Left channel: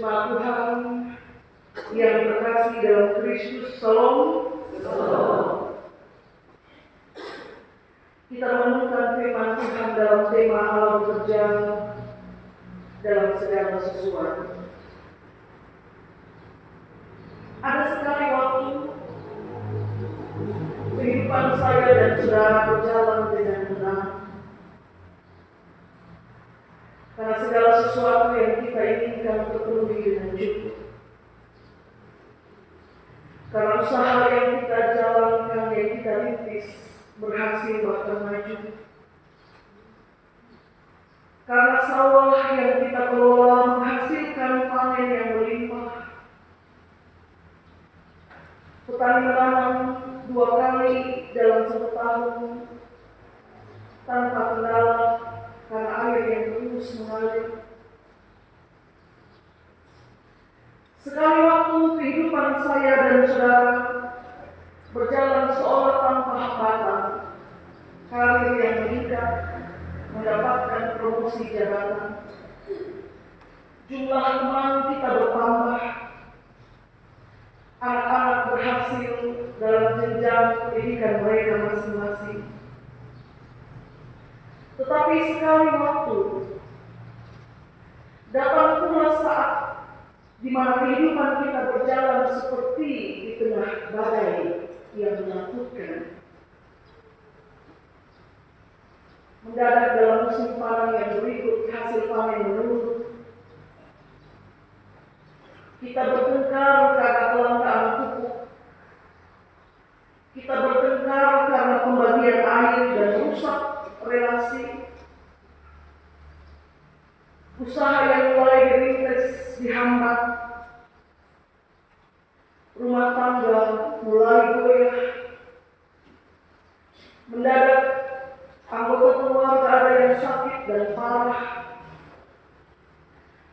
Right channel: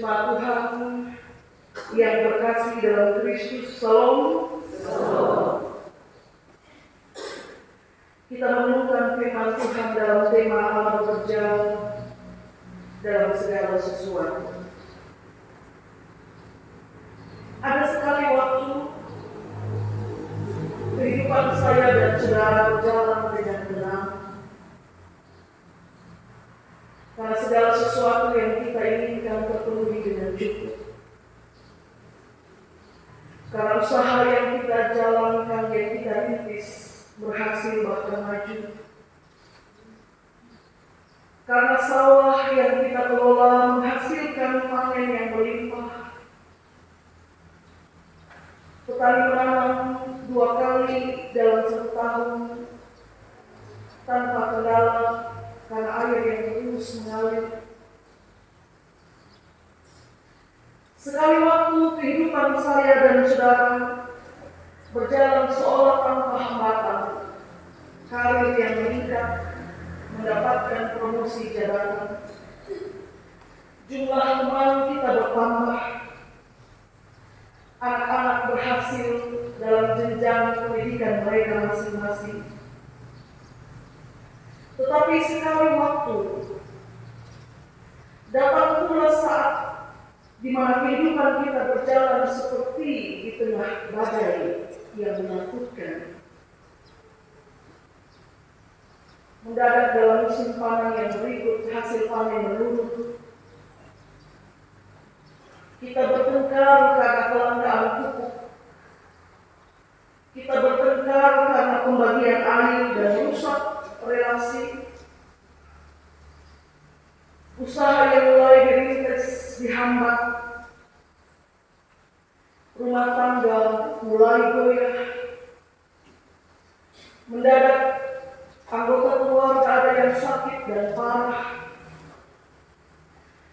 Jemaat Tuhan yang terkasih dalam Kristus, Shalom. Kita menemukan firman Tuhan dalam tema Allah bekerja dalam segala sesuatu. Ada sekali waktu kehidupan saya dan saudara berjalan dengan benar, karena segala sesuatu yang kita inginkan terpenuhi dengan cukup. Karena usaha yang kita jalankan, yang kita rintis, berhasil bahkan maju. Karena sawah yang kita kelola menghasilkan panen yang melimpah. Petani menanam 2 kali dalam 1 tahun tanpa kendala karena air yang terus mengalir. Sekali waktu kehidupan saya dan saudara berjalan seolah tanpa hambatan, karir yang meningkat, mendapatkan promosi jabatan, jumlah teman kita bertambah, anak-anak berhasil dalam jenjang pendidikan mereka masing-masing. Tetapi sekali waktu datang pula saat di mana kehidupan kita berjalan seperti di tengah badai yang menakutkan. Mendadak dalam musim panen yang berikut hasil panen menurun. Kita bertengkar karena kelangkaan pupuk. Kita bertengkar karena pembagian air dan rusak relasi. Usaha yang mulai dirintis dihambat. Rumah tangga mulai goyah. Mendadak anggota keluarga ada yang sakit dan parah.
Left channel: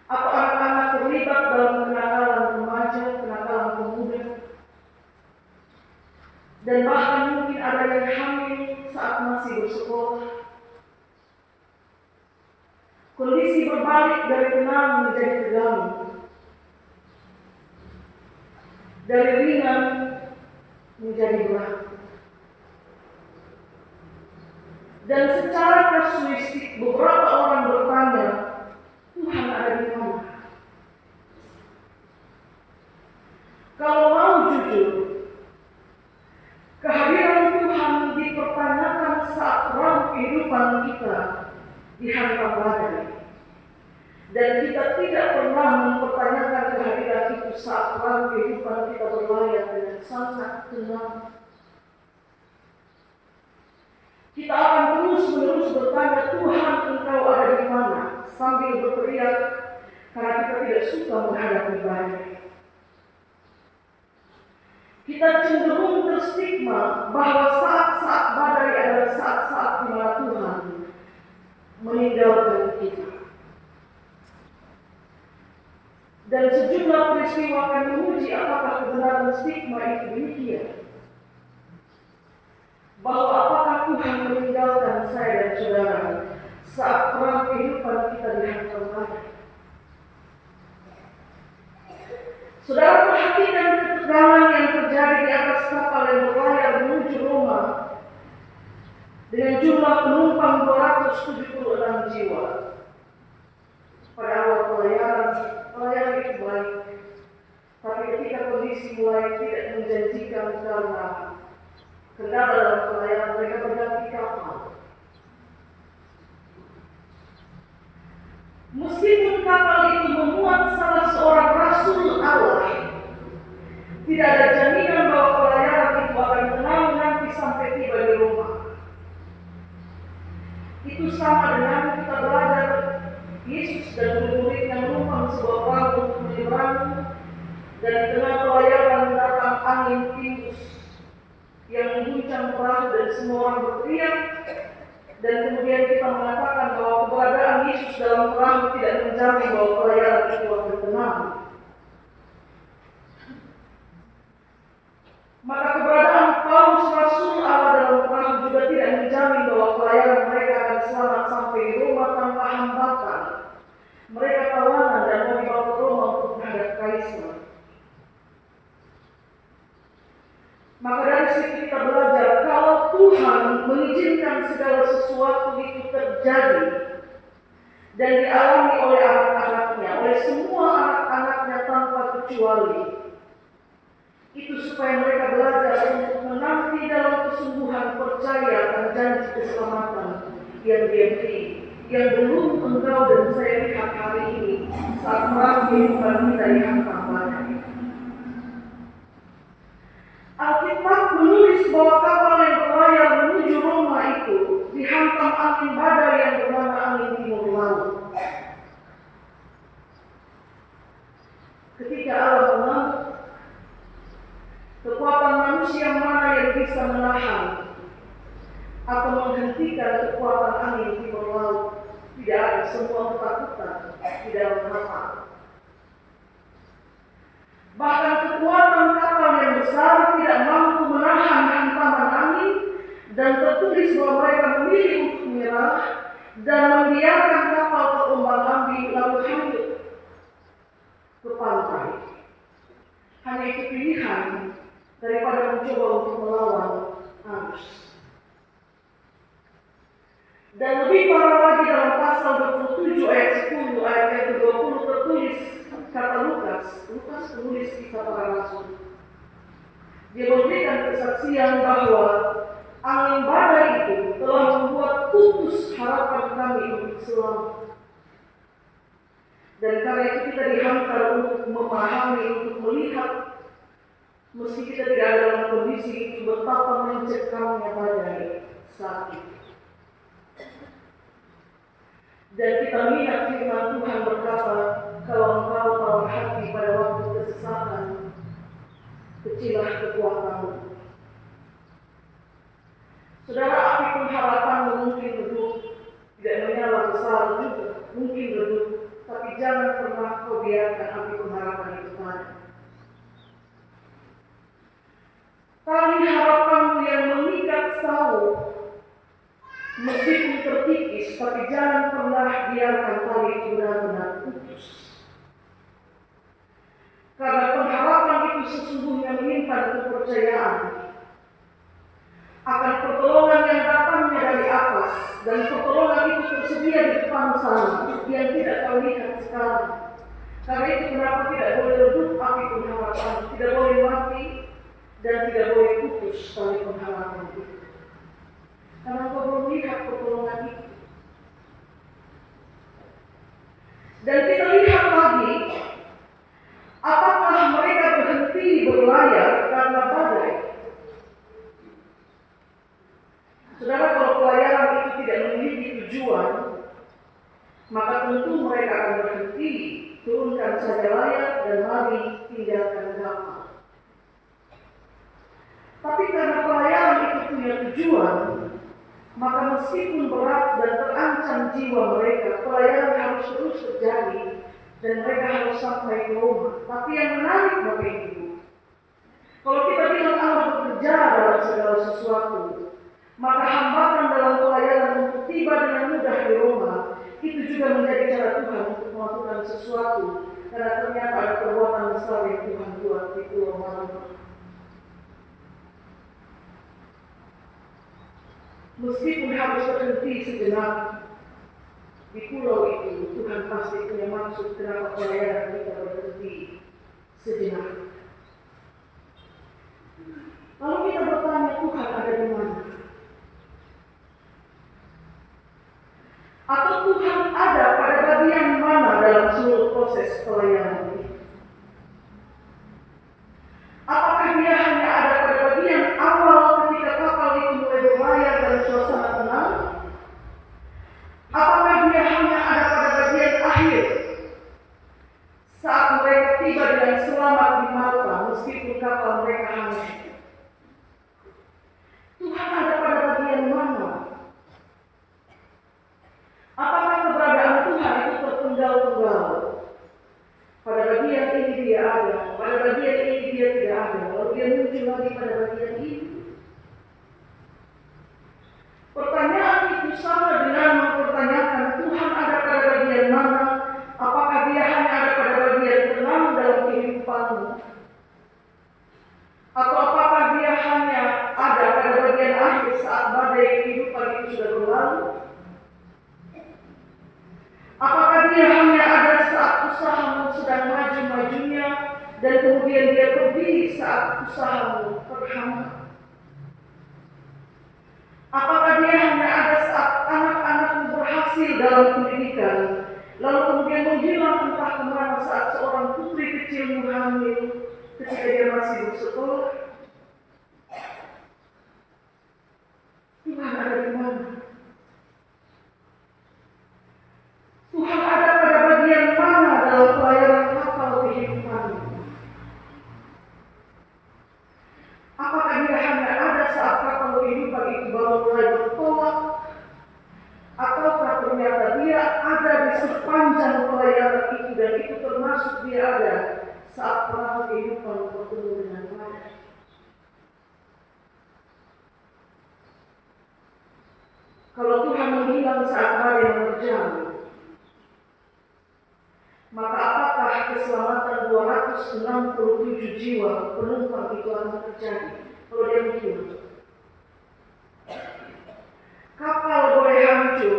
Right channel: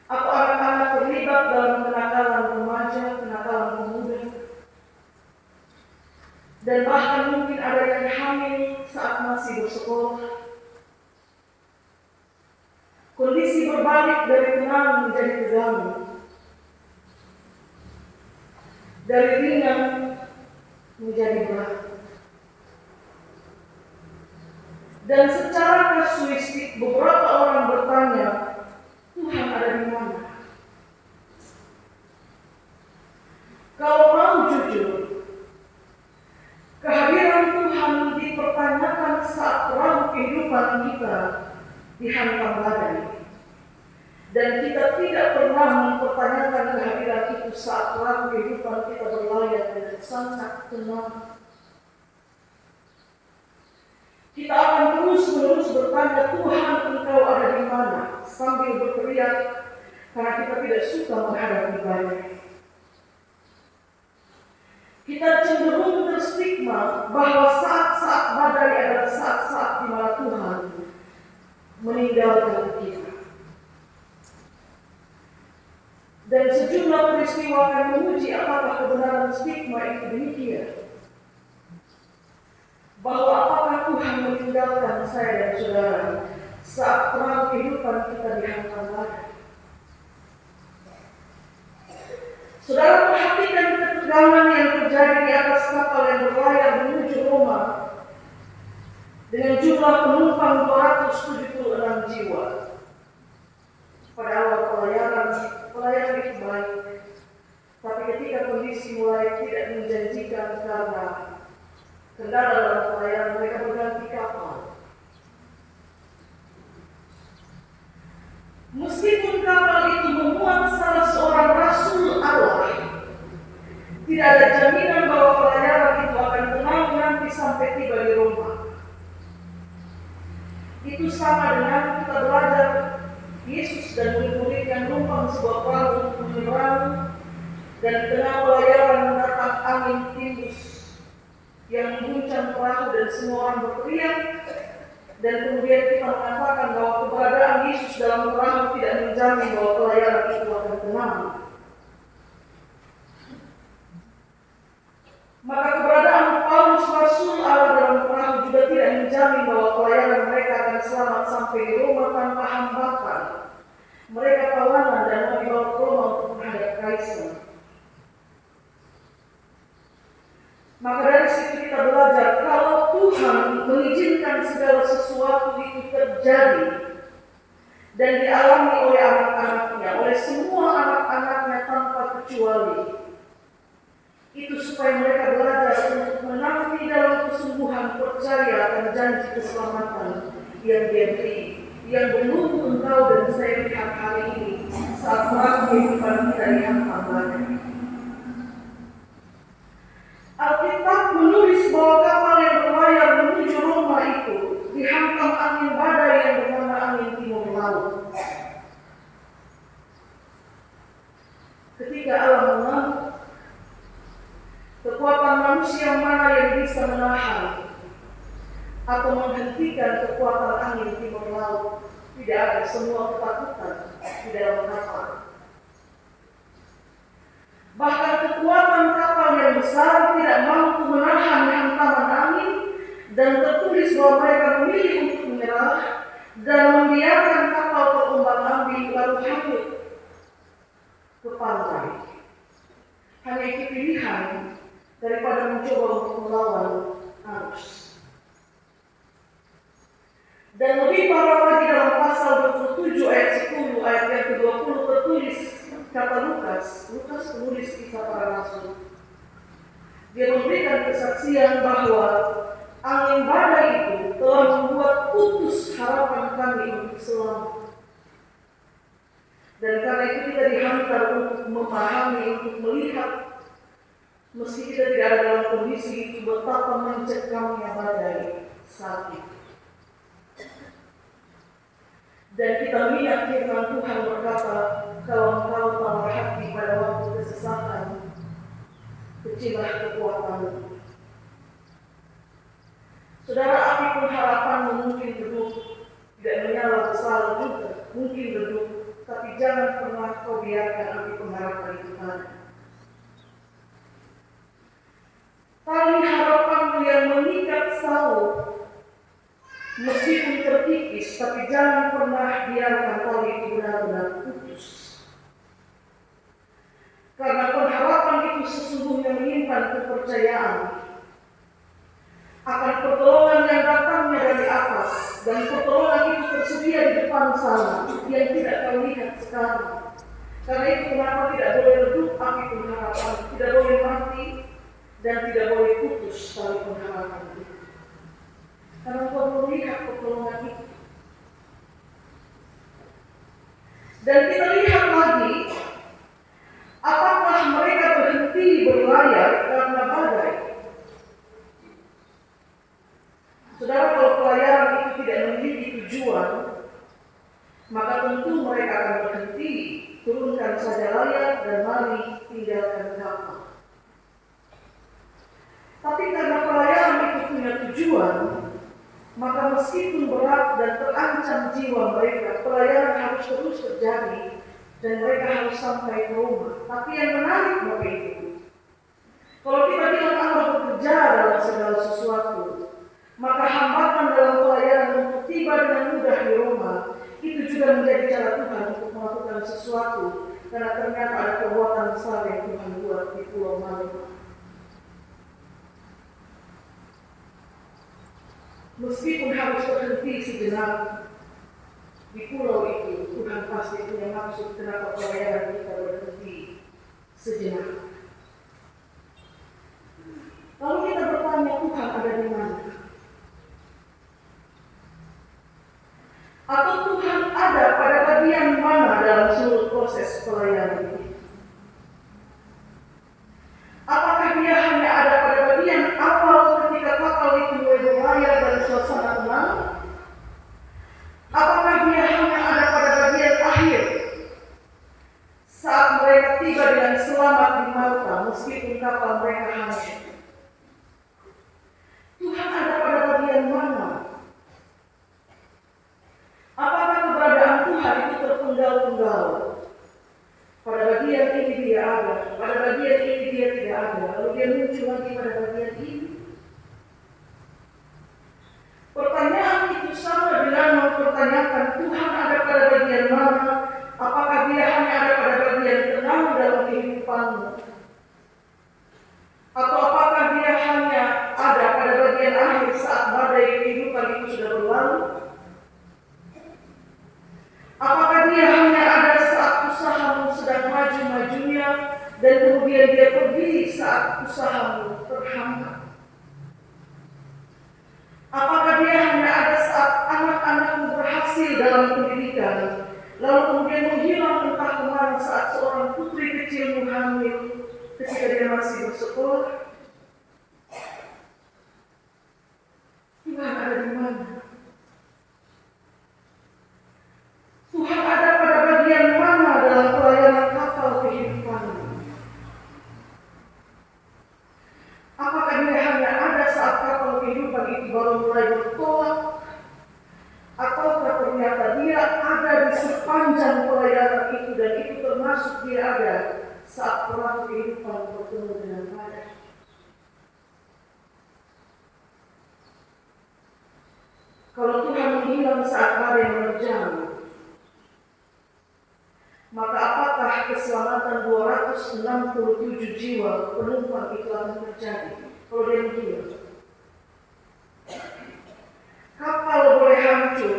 Atau anak-anak terlibat dalam kenakalan remaja, kenakalan pemuda. Dan bahkan mungkin ada yang hamil saat masih bersekolah. Kondisi berbalik dari tenang menjadi tegang. Dari ringan menjadi berat. Dan secara kasuistik beberapa orang bertanya, Tuhan ada di mana? Kalau mau jujur, kehadiran Tuhan dipertanyakan saat terang kehidupan kita dihantam badai. Dan kita tidak pernah mempertanyakan kehadiran itu saat terang kehidupan kita berlayar dengan sangat tenang. Kita akan terus-menerus bertanya, Tuhan Engkau ada di mana? Sambil berteriak karena kita tidak suka menghadapi badai. Kita cenderung terstigma bahwa saat-saat badai adalah saat-saat di mana Tuhan meninggalkan kita. Dan sejumlah peristiwa akan menguji apakah kebenaran stigma itu demikian. Bahwa apakah Tuhan meninggalkan saya dan saudara saat terang kehidupan kita dihantam badai. Saudara perhatikan ketegangan yang terjadi di atas kapal yang berlayar menuju Roma dengan jumlah penumpang 276 jiwa. Pada awal pelayaran itu baik, tapi ketika kondisi mulai tidak menjanjikan karena kendala dalam pelayaran, mereka berganti kapal. Meskipun kapal itu memuat salah seorang rasul Allah, tidak ada jaminan bahwa pelayaran itu akan tenang nanti sampai tiba di Roma. Itu sama dengan kita belajar Yesus dan murid-murid yang menumpang sebuah perahu untuk menyeberang, dan di tengah pelayaran datang angin timbus yang mengguncang perahu dan semua orang berteriak. Dan kemudian kita mengatakan bahwa keberadaan Yesus dalam perahu tidak menjamin bahwa pelayaran itu akan tenang. Maka keberadaan Paulus Rasul Allah dalam perahu juga tidak menjamin bahwa pelayaran mereka akan selamat sampai di Roma tanpa hambatan. Mereka tawanan dan mau dibawa ke Roma untuk realisme. Maka dari situ kita belajar kalau Tuhan mengizinkan segala sesuatu itu terjadi dan dialami oleh anak-anaknya, oleh semua anak-anaknya tanpa kecuali, itu supaya mereka belajar untuk menanti dalam kesungguhan percaya dan janji keselamatan yang Dia beri, yang belum engkau dan saya lihat hari ini saat perang kehidupan kita dihantam badai. Alkitab menulis bahwa kapal yang berlayar menuju Roma itu dihantam angin badai yang bernama angin timur laut. Ketika Allah mengamuk, kekuatan manusia mana yang bisa menahan atau menghentikan kekuatan angin timur laut? Tidak ada, semua ketakutan di dalam kapal. Bahkan kekuatan kapal yang besar tidak mampu menahan hantaman angin, dan tertulis bahwa mereka memilih untuk menyerah dan membiarkan kapal terombang-ambing lalu hanyut ke pantai. Hanya itu pilihan daripada mencoba untuk melawan arus. Dan lebih parah lagi dalam pasal 27 ayat 10 ayat yang ke-20 tertulis kata Lukas penulis kisah para rasul. Dia memberikan kesaksian bahwa angin badai itu telah membuat putus harapan kami untuk selamat. Dan karena itu kita dihantar untuk memahami, untuk melihat, meski kita tidak ada dalam kondisi itu, betapa mencekamnya badai saat itu. Dan kita melihat firman Tuhan berkata, kalau engkau tawar hati pada waktu kesesatan, kecilah kekuatanmu. Saudara, api pengharapanmu mungkin redup, tidak menyala besar juga, mungkin redup, tapi jangan pernah kau biarkan api pengharapan itu mati. Tali harapanmu yang mengikat Saul meskipun terkikis, tapi jangan pernah biarkan tali itu benar-benar putus. Karena pengharapan itu sesungguhnya menyimpan kepercayaan akan pertolongan yang datangnya dari atas, dan pertolongan itu tersedia di depan sana yang tidak kau lihat sekarang. Karena itu kenapa tidak boleh redup api pengharapan, tidak boleh mati, dan tidak boleh putus tali pengharapan itu. Karena kau belum lihat pertolongan itu. Dan kita lihat lagi, apakah mereka berhenti berlayar karena badai? Saudara, kalau pelayaran itu tidak memiliki tujuan, maka tentu mereka akan berhenti, turunkan saja layar dan mari tinggalkan kapal. Tapi karena pelayaran itu punya tujuan, maka meskipun berat dan terancam jiwa mereka, pelayaran harus terus terjadi dan mereka harus sampai ke Roma. Tapi yang menarik Bapak Ibu, kalau kita bilang Allah bekerja dalam segala sesuatu, maka hambatan dalam pelayaran untuk tiba dengan mudah di Roma itu juga menjadi cara Tuhan untuk melakukan sesuatu, karena ternyata ada perbuatan besar yang Tuhan buat di Pulau Malta. Meskipun harus terhenti sejenak di pulau itu, Tuhan pasti punya maksud kenapa pelayaran kita berhenti sejenak. Lalu kita bertanya, Tuhan ada di mana? Atau Tuhan ada pada bagian mana dalam seluruh proses pelayanan ini? Apakah Dia hanya ada pada bagian awal ketika kapal itu mulai berlayar dan suasana tenang? Apakah Dia hanya ada pada bagian akhir saat mereka tiba dengan selamat di Malta meskipun kapal mereka hangus? Tuhan ada pada bagian mana? Apakah keberadaan Tuhan itu terpenggal-penggal pada saat badai kehidupan itu sudah berlalu? Apakah dia hanya ada saat usahamu sedang maju-majunya dan kemudian dia pergi saat usahamu terhambat? Apakah dia hanya ada saat anak-anakmu berhasil dalam pendidikan, lalu kemudian menghilang entah kemana saat seorang putri kecilmu hamil ketika dia masih bersekolah? Tuhan ada di mana? Tuhan ada pada bagian mana dalam pelayanan kapal kehidupanmu? Apakah dia hanya ada saat kapal kehidupan itu baru mulai bertolak? Ataukah ternyata dia ada di sepanjang pelayanan itu dan itu termasuk dia ada saat perahu kehidupan bertemu dengan badai? Kalau Tuhan menghilang saat hari menerjang, maka apakah keselamatan 267 jiwa penumpang itu akan terjadi kalau dia menghilang? Kapal boleh hancur,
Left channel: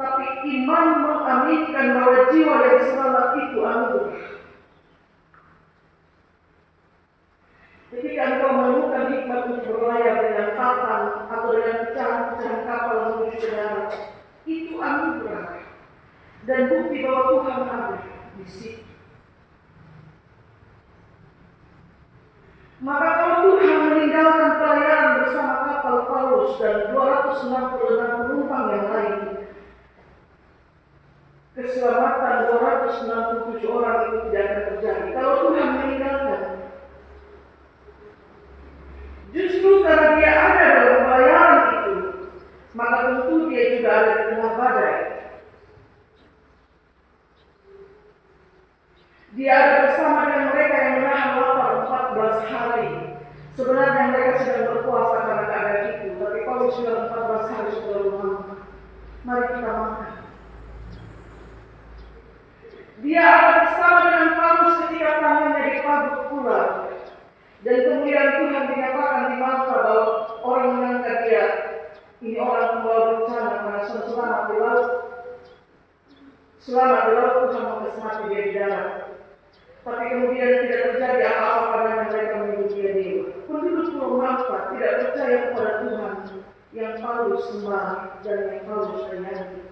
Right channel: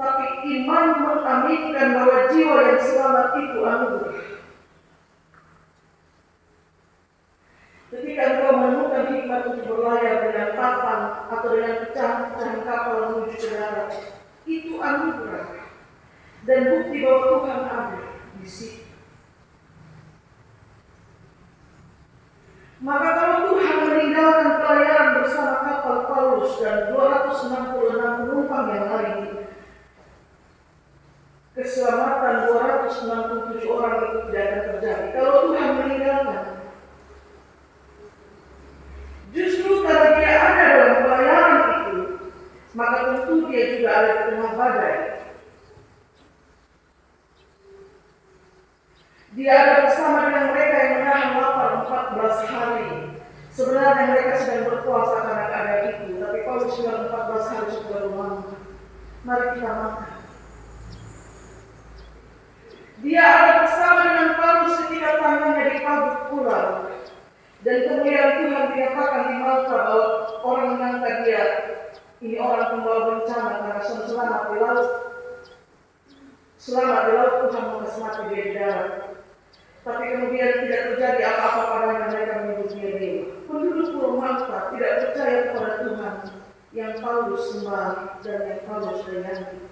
tapi iman mengaminkan bahwa jiwa yang selamat itu anugerah. Ketika engkau menemukan hikmat untuk berlayar dengan papan atau dengan pecahan-pecahan kapal menuju ke darat, itu anugerah dan bukti bahwa Tuhan ada di situ. Maka kalau Tuhan meninggalkan pelayaran bersama kapal Paulus dan 266 penumpang yang lain, keselamatan 267 orang itu tidak akan terjadi. Kalau Tuhan meninggalkan, justru karena dia ada dalam pelayaran itu, maka tentu dia juga ada di tengah badai. Dia ada bersama dengan mereka yang menahan lapar 14 hari. Sebenarnya mereka sedang berpuasa karena keadaan itu, tapi Paulus bilang 14 hari sudah lama. Mari kita makan. Dia ada bersama dengan Paulus ketika tangannya dipabuk ular. Dan kemudian Tuhan dinyatakan di Malta bahwa orang menyangka dia ini orang pembawa bencana karena selamat di laut. Selamat di laut, Tuhan mengasih mati dia di darat. Tapi kemudian tidak terjadi apa-apa padanya, mereka menyebut dia dewa. Penduduk Pulau Malta tidak percaya kepada Tuhan yang Paulus sembah dan yang Paulus layani.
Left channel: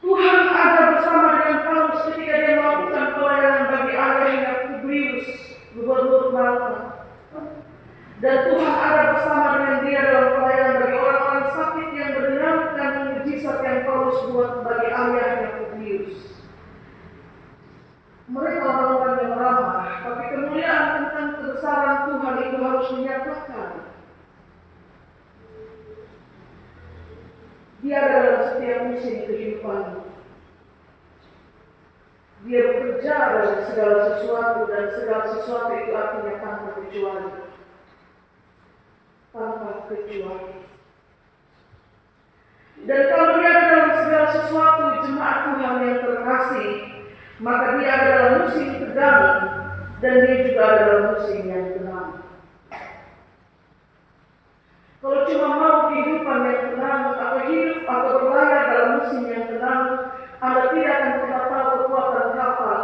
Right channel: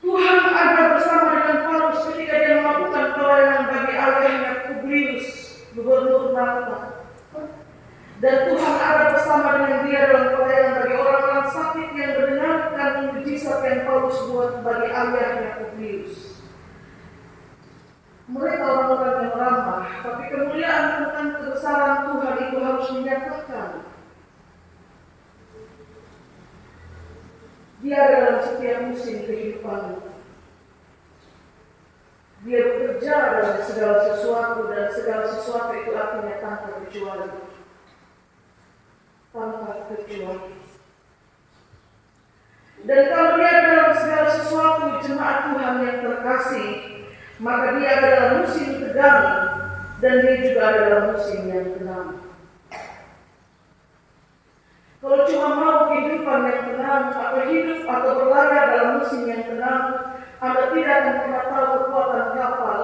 Tuhan ada bersama dengan Paulus ketika dia melakukan pelayanan bagi ayahnya Publius, gubernur Malta. Dan Tuhan ada bersama dengan dia dalam pelayanan bagi orang-orang sakit yang mendengarkan mujizat yang Paulus buat bagi ayahnya Publius. Mereka orang-orang yang ramah, tapi kemuliaan tentang kebesaran Tuhan itu harus dinyatakan. Dia dalam setiap musim kehidupan. Dia bekerja dalam segala sesuatu dan segala sesuatu itu artinya tanpa kecuali. Tanpa kecuali. Dan kalau dia ada dalam segala sesuatu, jemaat Tuhan yang terkasih, maka dia ada dalam musim tegang dan dia juga ada dalam musim yang tenang. Kalau cuma mau kehidupan yang tenang, atau hidup atau berlayar dalam musim yang tenang, Anda tidak akan pernah tahu kekuatan kapal,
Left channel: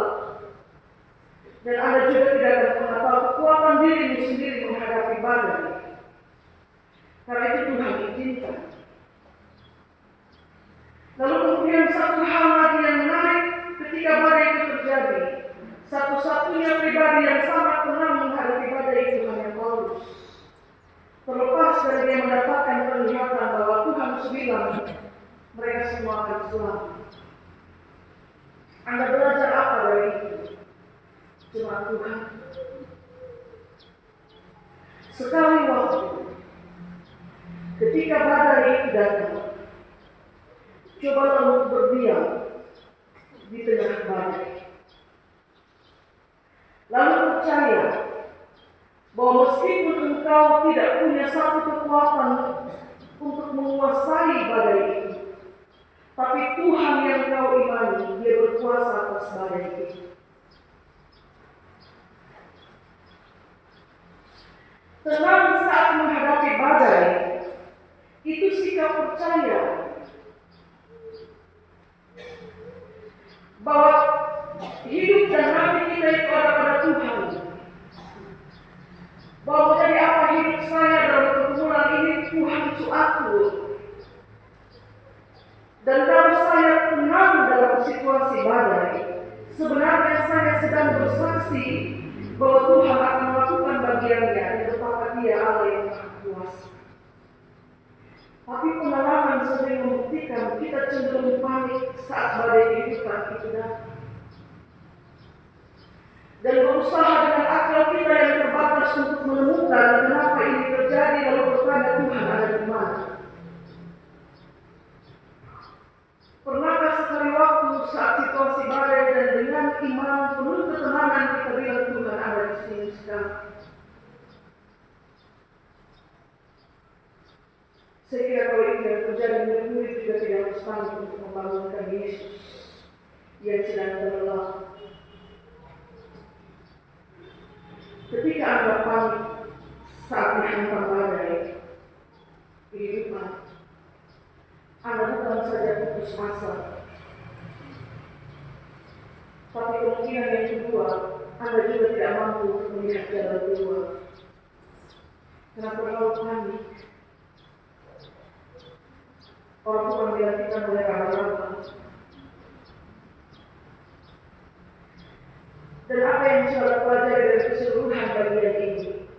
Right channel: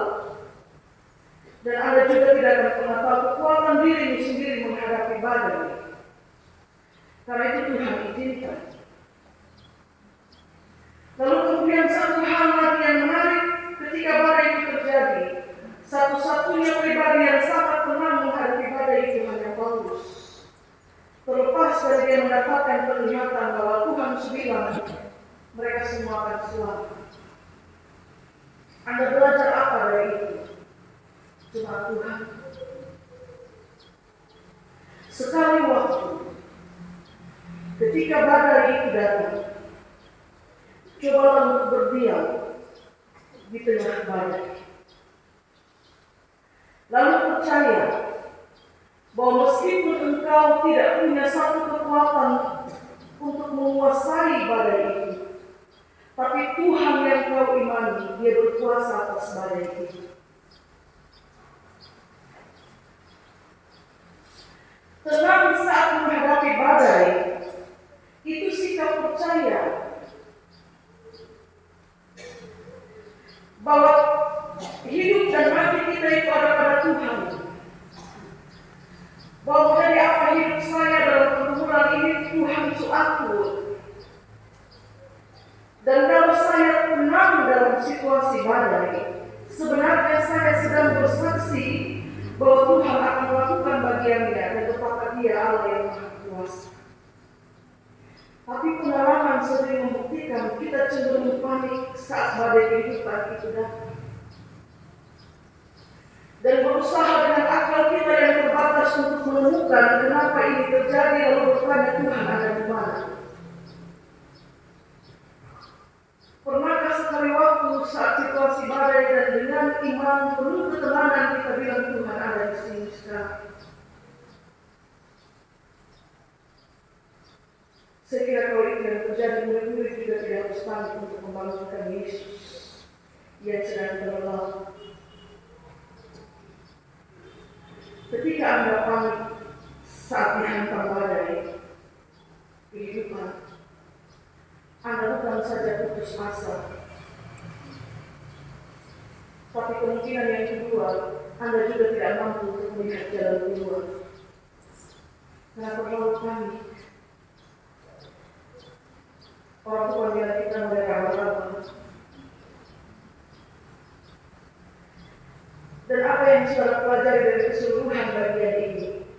dan Anda juga tidak akan pernah tahu kekuatan dirimu sendiri menghadapi badai. Karena itu Tuhan izinkan. Lalu kemudian satu hal lagi yang menarik ketika badai itu terjadi, satu-satunya pribadi yang sangat tenang menghadapi badai itu hanya Paulus. Terlepas dari dia mendapatkan penglihatan bahwa Tuhan sembilan, mereka semua akan selamat. Anda belajar apa dari itu? Cuma Tuhan. Sekali waktu, ketika badai itu datang, cobalah untuk berdiam di tengah badai. Lalu percaya bahwa meskipun engkau tidak punya satu kekuatan untuk menguasai badai itu, tapi Tuhan yang kau imani, dia berkuasa atas badai itu. Tenang saat menghadapi badai, itu sikap percaya bahwa hidup dan mati kita itu ada pada Tuhan. Bahwa dari apa hidup saya dalam pergumulan ini, Tuhan itu atur. Dan kalau saya tenang dalam situasi badai, sebenarnya saya sedang bersaksi bahwa Tuhan akan melakukan bagiannya dan betapa Dia Allah yang Maha Kuasa. Tapi pengalaman sering membuktikan kita cenderung panik saat badai kehidupan itu datang. Dan berusaha dengan akal kita yang terbatas untuk menemukan kenapa ini terjadi, lalu bertanya Tuhan ada di mana. Pernahkah sekali waktu saat situasi badai dan dengan iman penuh ketenangan kita bilang Tuhan ada di sini sekarang? Saya kira kalau itu yang terjadi, murid-murid juga tidak harus panik untuk membangunkan Yesus yang sedang tenggelam. Ketika Anda panik saat dihantam badai kehidupan, Anda bukan saja putus asa, tapi kemungkinan yang kedua, Anda juga tidak mampu untuk melihat jalan keluar. Karena terlalu panik. Orang tua bilang kita mulai raba-raba. Dan apa yang saudara pelajari dari keseluruhan bagian ini?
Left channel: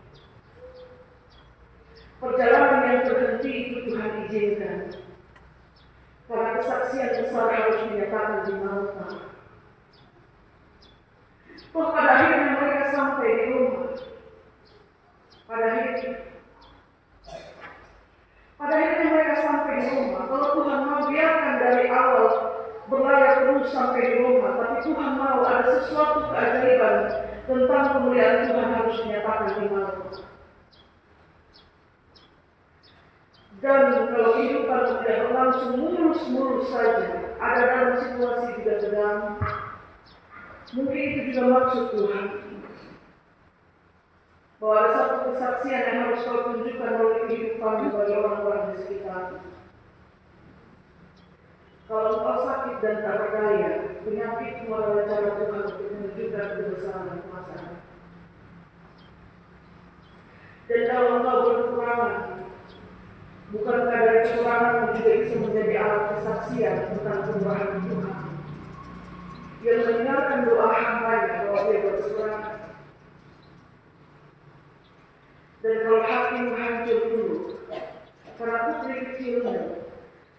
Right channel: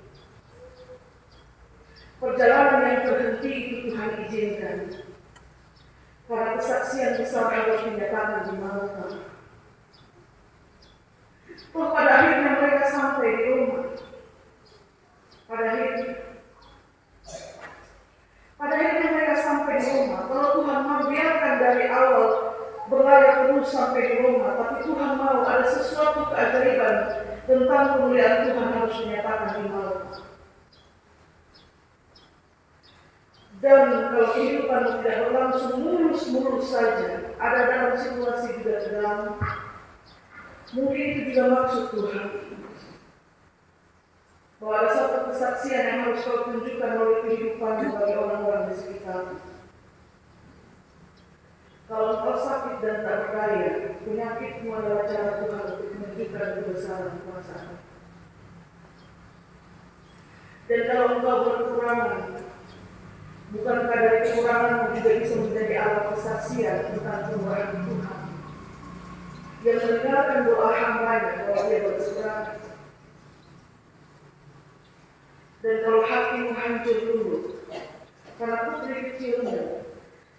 Perjalanan yang terhenti itu Tuhan izinkan. Karena kesaksian besar harus dinyatakan di Malta. Toh pada akhirnya mereka sampai di Roma. Pada akhirnya mereka sampai di Roma. Kalau Tuhan mau biarkan dari awal berlayar terus sampai di Roma, tapi Tuhan mau ada sesuatu keajaiban tentang kemuliaan Tuhan harus dinyatakan di Malta. Dan kalau kehidupan tidak berlangsung mulus-mulus saja, ada dalam situasi juga tegang, mungkin itu juga maksud Tuhan. Bahwa ada satu kesaksian yang harus kau tunjukkan melalui kehidupan bagi orang-orang di sekitar. Kalau kau sakit dan tak berdaya, penyakitmu adalah cara Tuhan untuk menunjukkan kebesaran kuasa. Dan kalau engkau berkekurangan, bukankah dari kekuranganmu juga bisa menjadi alat kesaksian tentang kemurahan Tuhan yang mendengarkan doa hamba-Nya bahwa Dia berkekurangan. Dan kalau hatimu hancur dulu, karena putri kecilmu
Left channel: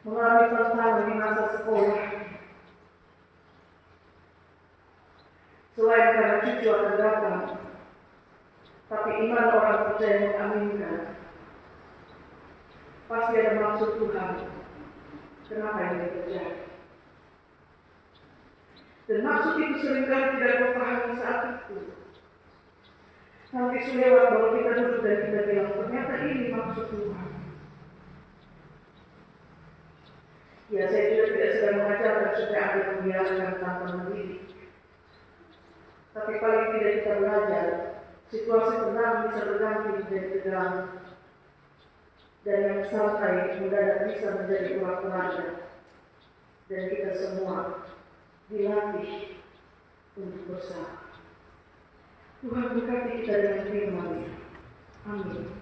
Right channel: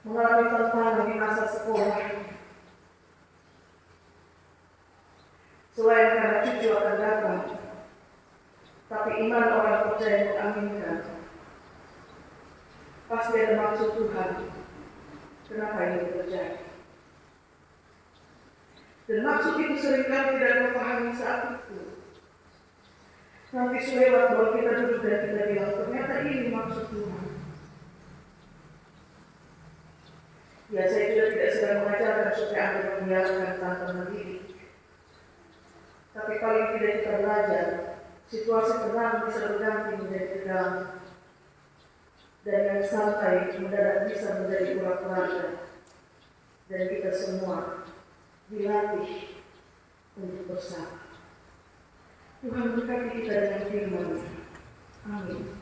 mengalami tantangan di masa sekolah, selain karena cucu akan datang, tapi iman orang percaya mengaminkan, pasti ada maksud Tuhan kenapa ini terjadi. Dan maksud itu seringkali tidak kau pahami saat itu. Nanti selewat baru kita duduk dan kita bilang ternyata ini maksud Tuhan. Ya, saya juga tidak sedang mengajarkan supaya Anda membiarkan tanpa mendidik. Tapi paling tidak kita belajar, situasi tenang bisa berganti menjadi tegang. Dan yang santai mendadak bisa menjadi urat-uratnya. Dan kita semua dilatih untuk bersama. Tuhan berkati kita dengan firman-Nya. Amin.